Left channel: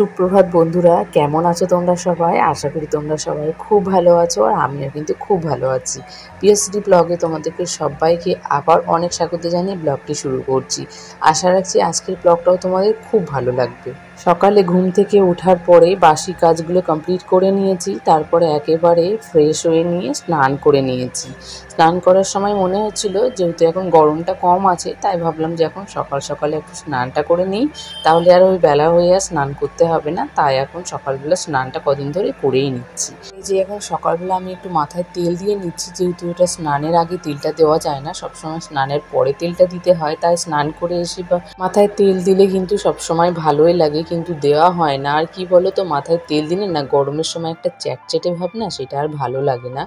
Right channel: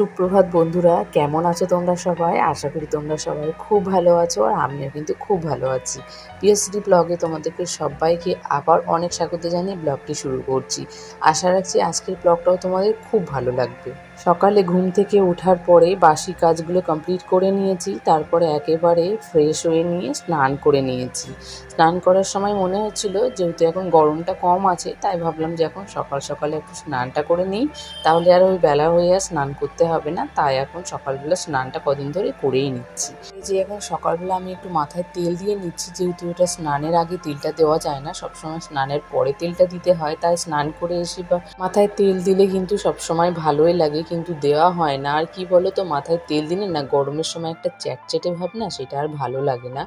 সুপ্রভাত বন্ধুরা, কেমন আছো তোমরা সবাই? আশা করি তোমরা সবাই খুব ভালো আছো, আর আমিও কিন্তু খুব ভালো আছি। পিএসডি ব্লগে তোমাদেরকে সবাইকে আবার অনেক স্বাগত জানিয়ে ব্লগটি শুরু করছি। আশা রাখছি আজকের ব্লগটাও তোমাদের খুব ভালো লাগবে। সকালে ঘুম থেকে ওঠার পরে বাসি কাজগুলো কমপ্লিট করে নিয়েছি, তারপরে একেবারে ফ্রেশ হয়ে নিয়ে স্নান করে নিয়েছি। স্নান করার সময় মনে হচ্ছিল যেহেতু এখন গরমটা কম আছে, তাই ভাবলাম যে এখন সকাল সকালে একটু স্নানটা করে নিই, তাহলে আর ওই বেলা হয়ে আর স্নান করতে হবে না। তাই এখন সকালবেলা স্নানটা কদিন ধরে করেই নিচ্ছি। এই যে এখন সকালবেলা আমি একটু মাথায় তেল দিয়ে নিচ্ছি, যেহেতু এটা স্নানের আগে তেলটা দেওয়া যায় না, সবসময় স্নানের পরে তেলটা দিতে হয়। তাই স্নান করে এসে বা মাথায় তেল দিলে কিন্তু সবসময় ভালোই লাগে, কিন্তু দেওয়া হয় না। আর কি বলো তো, মাথায় তেল দিলে না গরমের সময় একটা চ্যাটচ্যাটে ভাব না, সেটা আর ভালো লাগে না।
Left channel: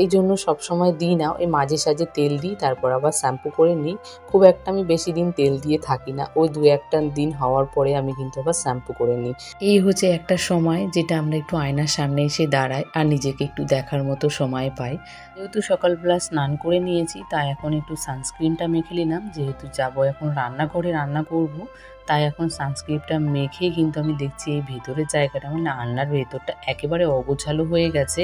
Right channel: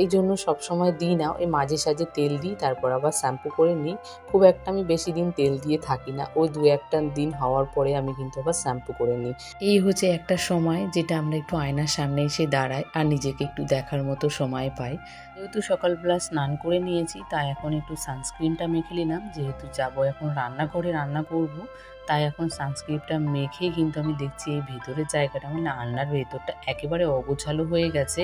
এই জন্য সবসময় দিই না, ওই মাঝে সাঝে তেল দিই, তারপর আবার শ্যাম্পু করে নিই। খুব একটা আমি বেশি দিন তেল দিয়ে থাকি না, ওই 2-1টা দিন হওয়ার পরে আমি কিন্তু আবার শ্যাম্পু করে নিই। এই হচ্ছে একটা সময় যেটা আমরা একটু আয়নার সামনে এসে দাঁড়াই আর নিজেকে একটু দেখার মতো সময় পাই। যেহেতু সকালবেলা স্নান করে নিয়েছি, তাই এখন একটু সানস্ক্রিনটা মেখে নিলাম। যেহেতু যাবো এখন রান্নাঘরে রান্না করব, তাই এখন সানস্ক্রিনটা মেখেই কিন্তু আমি দেখছি এই ভেতরের জায়গাটা, মানে রান্নার ভেতরটা একেবারে অগোছালো হয়ে গেছে।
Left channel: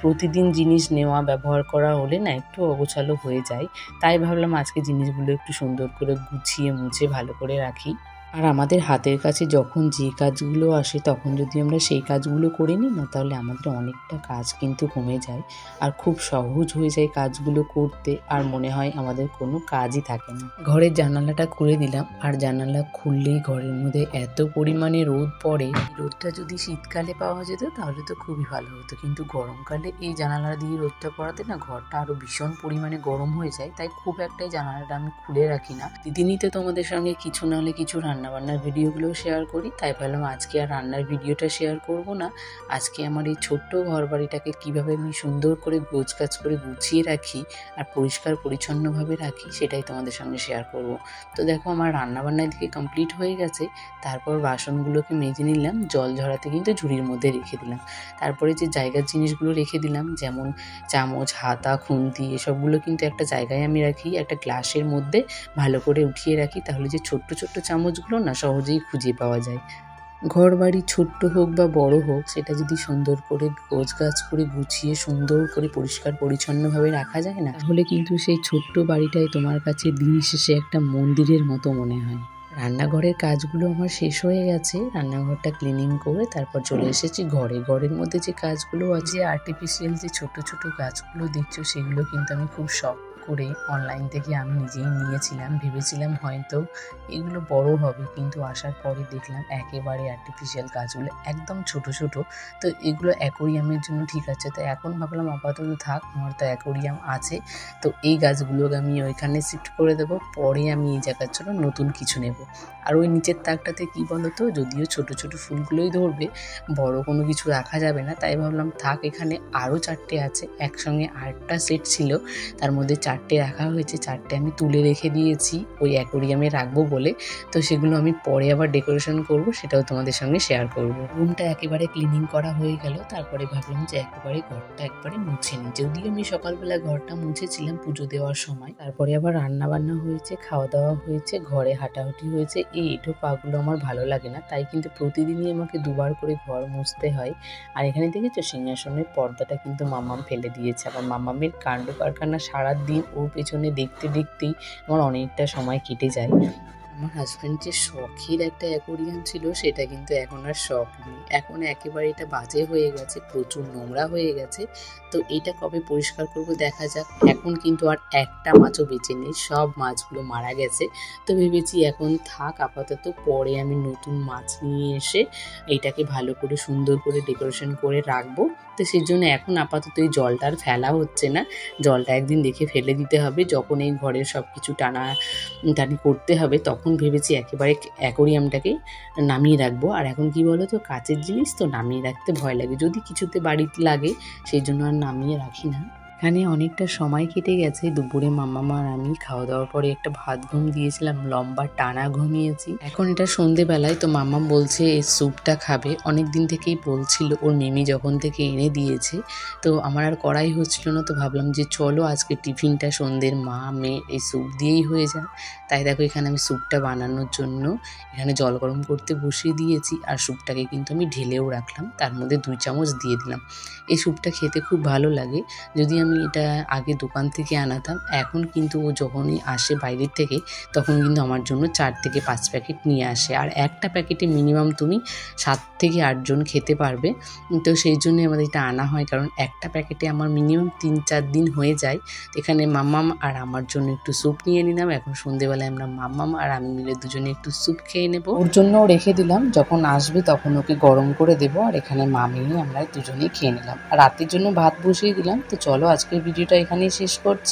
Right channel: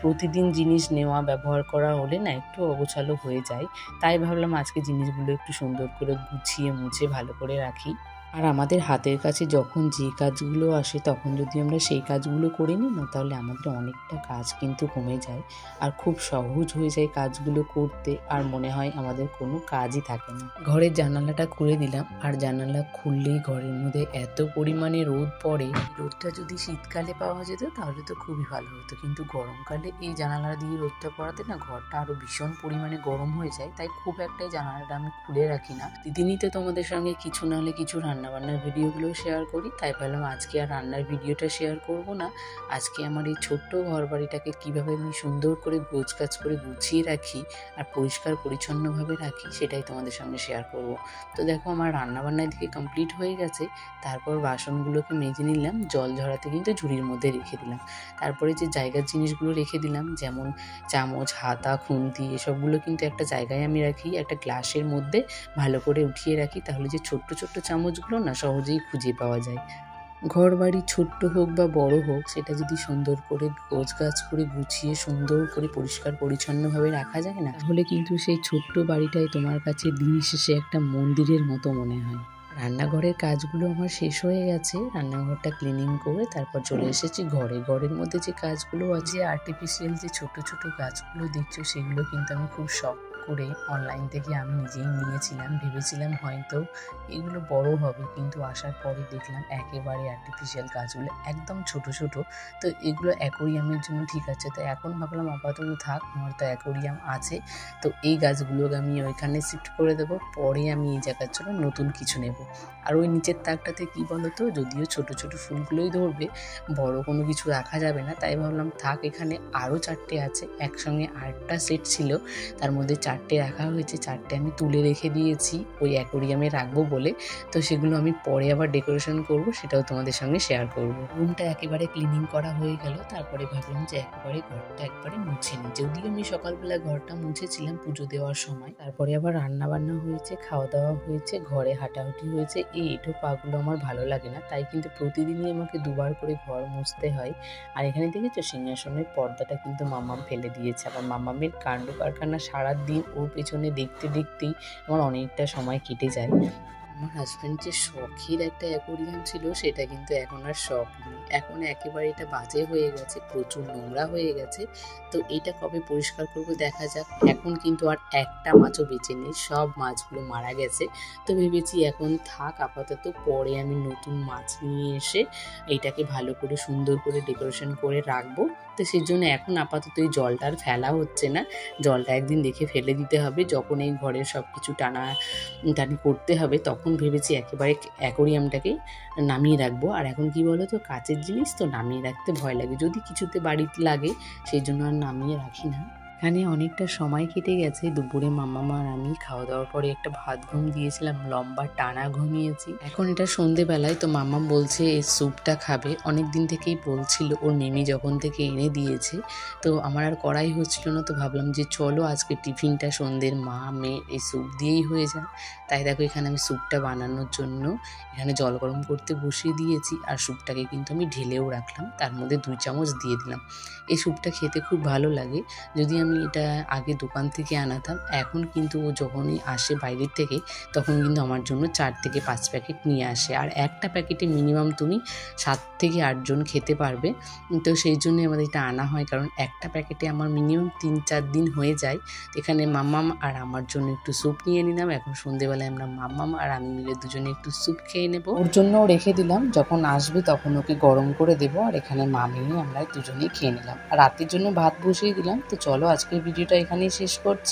প্রতিদিন জিনিস নেওয়া ব্যবহার করা হলে না একটু অগোছালো হয়ে যায়। তাই ভাবলাম আজকে জিনিসগুলো একটু সুন্দর করে গুছিয়ে মুছে ভালো করে রাখি। আর আমাদের হাতের কাছে যখন যে কাজগুলো আসে, তখন যদি আমরা সেই কাজগুলো করে নিই না, তাহলে আমাদের অনেকটা কাজ কিন্তু কমে যায় আর খুব সহজ হয়ে যায় কাজগুলো করতে, আর মনে হয় আমাদের কোনো কাজই থাকে না। ঘরের জানালাটা খুলে দিলাম, আর জানালা খুললেই ঘরের মধ্যে এত পরিমাণে রোদ পড়ে। রোদটা যদি শীতকালে পাওয়া যেত তাহলে তো খুবই ভালো হতো, কিন্তু গরমকালে এই জানালা দিয়ে রোদটা পড়াতে না ঘরটা আরো ভীষণ পরিমাণে গরম হয়ে যায়। তাই খুব একটা জানালাটা আমি খুলে রাখি না। দিদিনই তো তোমাদের সঙ্গে কিছু না হলে কিছু রান্নাবান্নার ভিডিওগুলো শেয়ার করি, তাই ভাবলাম আজকে আর রান্নার ভিডিওটা শেয়ার করব না। আজকে আমার এই ছোট্ট ঘর বাড়িটাকে কীভাবে আমি সুন্দর করে গোছগাছ করে গুছিয়ে রাখি আর পরিষ্কার পরিচ্ছন্নভাবে রাখি, সেটাই তোমাদের সঙ্গে শেয়ার করব। তো দেখো আমার রান্নাবান্নার দিকে কমপ্লিট হয়ে গেছে। তারপর বাসনগুলোকে মেজে নিলাম, জল ঝরাতে কিন্তু ঝুড়ির মধ্যে রেখে দিলাম। তারপরে যে জায়গার জিনিসগুলো রেখে দিলাম, যেমন চামচ, হাতা, খুন্তি, এসবগুলো কিন্তু একটা জায়গায় আমি রাখি, একটা গ্লাসের মধ্যে ভালো করে উঠিয়ে রাখি। তাহলে যে ছোট্ট ছোট্ট চামচগুলো না সহজেই খুঁজে পাওয়া যায়। ঘর বাড়ি ছোট্ট হোক বা বড় হোক, সেটা যদি সুন্দর করে গোছগাছ করে গুছিয়ে সুন্দর করে পরিষ্কার পরিচ্ছন্নভাবে রাখা যায় না, তাহলে কিন্তু সেই ছোট্ট বাড়িটাই তোমার কাছে দিন শেষে একটা মন্দিরের মতো মনে হয়। রান্নাঘরের কাজগুলো আমার শেষ হয়ে গেছে, রান্নাঘরটা ক্লিনিং করে তারপর চলে এসেছি ঘরের মধ্যে যে কাজগুলো আছে, আর্টিফিশিয়াল যে ছোট ছোট গাছগুলো দেখছো, সেগুলো কিন্তু আমি খুব শখ করে অনলাইন থেকে আমি নিজেই নিয়েছিলাম। ভেবেছিলাম হয়তো এগুলো বড় হবে, কিন্তু আসার পরে দেখলাম একেবারে আর্টিফিশিয়াল গাছগুলো একদম ছোট ছোট। তো এগুলো অ্যাকোরিয়ামের জন্য ঠিক আছে, তো এখন ভাবলাম আপাতত থাক, আমার তো অ্যাকোরিয়াম আছে। তো এই গাছগুলোকে আমি ওইখানে শিফট করে দেবো, পরে আমি এই জায়গার জন্য নতুন কিছু নেব। আর ওই নিচের তাকটাতে কি বলতো, যদিও ছোট ছোট ফুলগুলোই ধরবে, বড় কোনো কিছু রাখা যাবে না, তাই ভাবলাম থাক। এখানে আরও 4টে আছে, একসঙ্গে 8টা সেট ছিল, তার মধ্যে 4টে রাখা হয়েছে, 4টে আমি তুলে রেখে দিয়েছি ওই অ্যাকোরিয়ামে রাখবো বলে। তো সেগুলো আমি পরে আবার ডেকোরেশন করব, সেটাও তোমাদের সঙ্গে শেয়ার করব। রুমটা একেবারে ক্লিনিং করা হয়ে গেল, তারপরে ভাবলাম যে একেবারে ঘরটা একবারে মুছে নিই। যদিও আমি সকালবেলা ঘরটা মুছেছিলাম পুজো দেওয়ার সময়, তারপরে আবার রান্না বান্না হয়েছে, খাওয়া দাওয়া হয়েছে, ঘরে হাঁটাহুটি হয়েছে। এই এঁঠো পাগুলো আমার ভালো লাগে না, তাই কিন্তু প্রতিদিনই আমাকে দুবার করে ঘর মুছতে হয়। আর এখানে দেখেছো সিংহাসনের পর্দাটা কিন্তু মাম্মাম ফেলে দিয়েছে। আবার মাম্মামের কাণ্ড কারখানা সারাদিন ওর পেছনে দেখতে দেখতেই আমার অনেকটা সময় কেটে যায়। আমার হাজব্যান্ড যে শখের একটা অ্যাকোরিয়াম ছিল, সেটা কিন্তু এখন আর শখ নেই, এখন একেবারে এটা বাজে হয়ে গেছে, প্রচুর নোংরা হয়ে গেছে। তো এটা কবে পরিষ্কার করব দেখা যাক। এখন কিন্তু আর একটা মাছও বেঁচে নেই, সব মাছগুলো মারা গেছে। তো ভেবেছি এখন থাক আপাতত, পরে আমি নতুন মাছ নিয়ে এসে এটাকে ভালো করে সুন্দর করে ডেকোরেশন করে রাখবো। তো সেই জন্য এখন আপাতত এই জলটা আর ফেলা হচ্ছে না, জলটা একদিন দেখে ফেলে দিতে হবে, যখন এই ঘরের সব কিছু টানি করতে হবে, তখন ভেবেছি একেবারে অ্যাকোরিয়ামটাকে নামিয়ে রাখবো। আর এখন কি বলো তো, কাচের জিনিস তো নামিয়ে রাখতে ভয় লাগে, যদি কিছুতে বাড়িতে লাগে, সেই জন্য আর নামিয়ে রাখি না। এখানে অনেকটা সময় কেটে গেছে। দুপুরে মাম্মা আর আমি খাওয়া দাওয়ার পরে একটা ভাত ঘুম দিয়েছিলাম, লম্বা টানা ঘুমিয়েছি। এখন এটা সন্ধেবেলায়, তো মাম্মা বলছে এই স্যুপটা খাবে। অনেক দিন থেকেই বলছিল, ওর মিমি যখন থেকে এনে দিয়েছে। তো আমার আর করাই হচ্ছিল না, তো ভাবলাম যে চলো আজকে টিফিনটা সন্ধ্যের মা মেয়ে এই স্যুপ দিয়েই হয়ে যায়। তাই দেখো এখানে আমি স্যুপটা বানানোর জন্য এখানে জল গরম করতে বসিয়ে দিয়েছি, আর স্যুপটাকে কিন্তু আমি ঢেলেও রাখলাম, তার মধ্যে 2 চামচ দিয়ে দিলাম। এই স্যুপটা খেতে খুব ভালো লাগে। যদি আমি এটা আগে দোকান থেকে আনাতাম, এখন কিন্তু ও যখনই আসে বাইরের থেকে তখন কিন্তু আমার জন্য 4 থেকে 5 প্যাকেট নিয়ে আসে, আর একটা প্যাকেটে মিনিমাম তুমি 7 থেকে 8 জন খেতে পারবে। তো সেই জন্যই আমাদের এটা আনা হয়, কারণ একটা প্যাকেটে আমার মিনিমাম 3-4 দিন হয়ে যায়। এখানে মাম্মাম আর আমার জন্য একটু স্যুপ নিয়ে নিলাম। এখন সন্ধেবেলায় আমরা মাম্মাম আর আমি মিলে দুজনে একটু স্যুপ খেয়ে নেব। ওর জন্য রেখে দিলাম, যখন আসবে তখন ওকে গরম করে দেবো। আর এখানে মামি আমরা দুজনেই খেয়ে নিলাম, আর রাতের জন্য ভাত বসিয়ে দিলাম। তো চলো আজকের ভিডিওটা এখানেই শেষ করছি।